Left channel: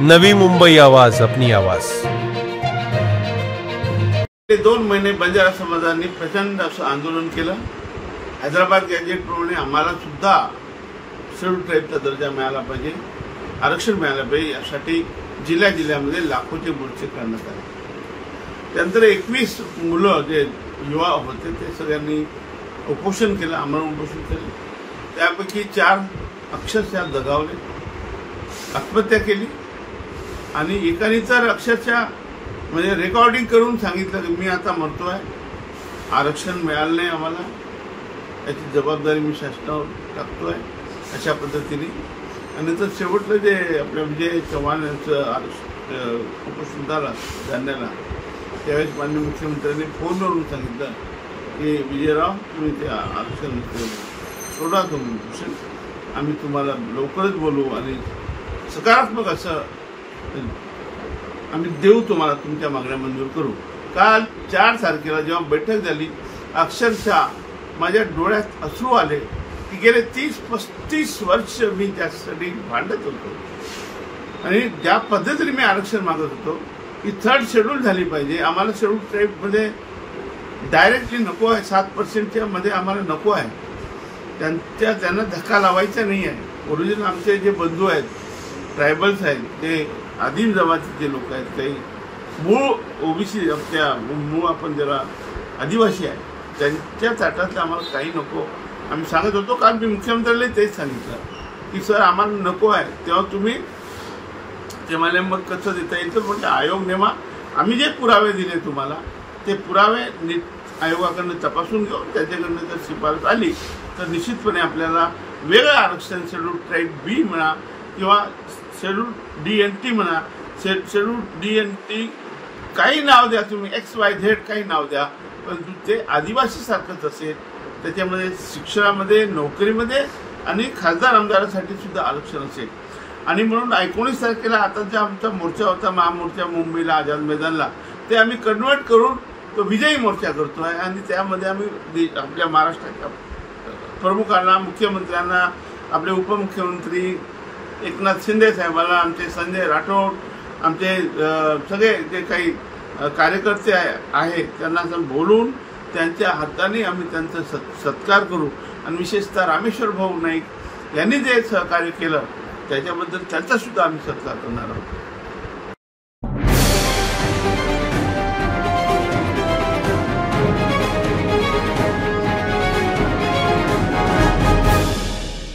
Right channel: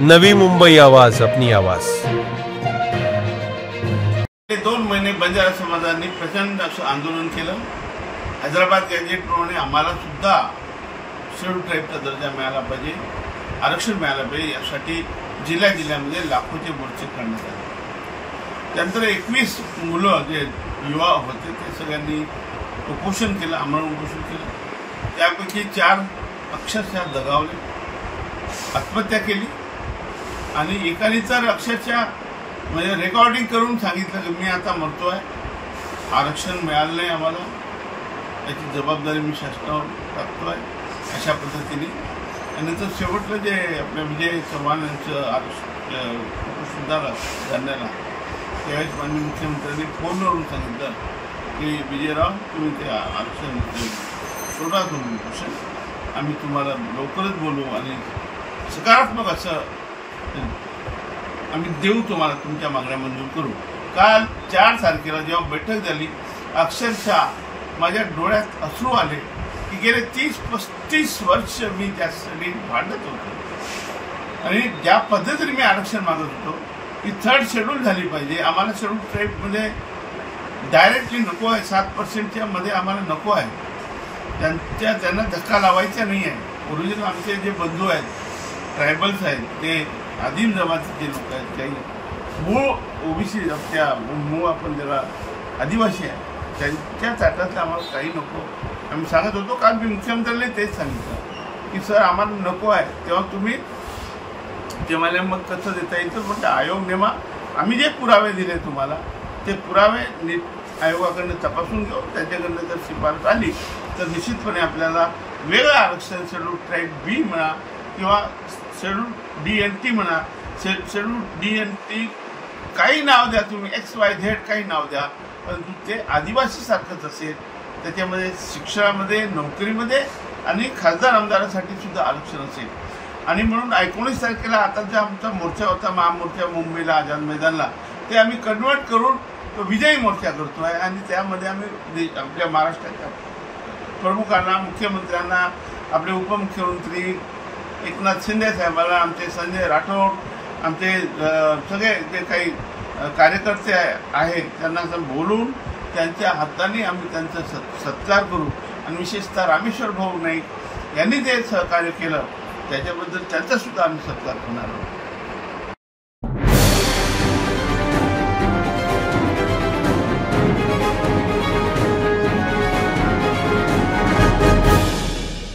नवी मुंबई आवाज, अपनी आवाज। 2 महिने बंजारा समाजाने प्रचंड असं आंदोलन केलं। हैदराबाद गॅजेटप्रमाणे आम्हाला सुद्धा शेड्यूल ट्राईबचा दर्जा मिळाला पाहिजे, आरक्षण मिळालं पाहिजे, यासाठी जिल्ह्यामध्ये लाखोचे मोर्चे करण्यात आले। त्यानंतर 21 मुलं जे युवा होते ते सगळ्यांनी उपोषण केलं, आमरण उपोषण केलं। त्यापैकी 4 अक्षरशः दगावले, आत्महत्या केली आणि एकाने तर अक्षरशः म्हणजे रेकॉर्डिंग करून सांगितलं की मी आता मरतोय, आरक्षण मिळालं नाही आम्हाला, याची जबाबदारी मी शासनावर टाकतोय, अशा पद्धतीने। आणि नंतर शेवटलं जे आपल्या विजय चव्हाण यांचं उपोषण झालं धरण्याला, त्यावेळेस माननीय मुख्यमंत्र्यांनी फोनवरून सांगितलं की विजयराव तुम्ही ते आरक्षण सोडा, तुम्ही उपोषण, आम्ही तुम्हाला लवकरच बोलू आणि सकारात्मक असं आम्ही देऊ, तुम्हाला तुमच्या मागण्या मंजूर करू। काल 4 तारखेला जेव्हा बैठक झाली, अक्षरशः माझ्या डोळ्यात अश्रू आले की गेले 30-35 वर्ष मी त्यासाठी भांडत होतो आणि ज्या पद्धतीने मी आरक्षण मागत होतो की 3rd शेड्यूल झाली पाहिजे, आम्हाला शेड्यूल ट्राईबमध्ये डायरेक्टली नको आहे, 7% मध्ये आम्हाला नको आहे, त्यांना धक्का लावायचा नाही आहे। ओरिजिनल आमचे जे बंधू आहेत, ट्रायबल्स आहेत, ते आदिम जमातीचे लोक आहेत, काही मूळ ओबीसी आपल्या मूळ आपण ज्याला आदिवासी आहे त्यांच्या ताटातलं आम्हाला काही नको। आम्ही सांगत होतो, काल मी मुख्यमंत्र्यांना तेच सांगितलं की सर आम्हाला नको आहे, तेव्हा तुम्ही ते मला मग कसं देता येईल तर म्हटलं आयोग नेमा, आम्ही जे पुरावे दिले तुम्हाला ते पुरावे नीट आयोगाकडनं तपासून घेऊ, त्याच्याकडनं जर शिफारस आली तर निश्चितपणे आपल्याला वेगळं आरक्षण शेड्यूल ट्राईब बी म्हणा किंवा शेड्यूल DNT म्हणा, शेड्यूल DNT काही नाव द्या तुम्ही, XYZ काही नाव द्या, परंतु ते आदिवासीसारखंच असेल, त्याच्यामध्ये शिक्षणामध्ये, नोकरीमध्ये आणि खासदार आमदारासाठी सुद्धा आरक्षण असेल। आणि म्हणून 19 तारखेला आता जो आमचा मोर्चा होता, महामोर्चा मुंबईला आझाद मैदानला, ते आम्ही कन्वर्ट करून तो विजयी मोर्चा करतोय आणि त्यामध्ये आम्ही आपल्या महाराष्ट्राच्या प्रमुखांना, मुख्यमंत्र्यांना, आपले उपमुख्यमंत्री एकनाथ शिंदे साहेबांना, आमचे संजय राठोड, आमचे सगळे जे काही कार्यकर्ते आहेत त्यांना बोलून त्यांच्या हाताने आम्ही त्यांचा सत्कार करू। आणि विशेषतः रामेश्वर भाऊ नाईक यांनी जे सहकार्य केलं त्याच्याबद्दल त्यांचा सुद्धा आम्ही सत्कार करणार आहोत।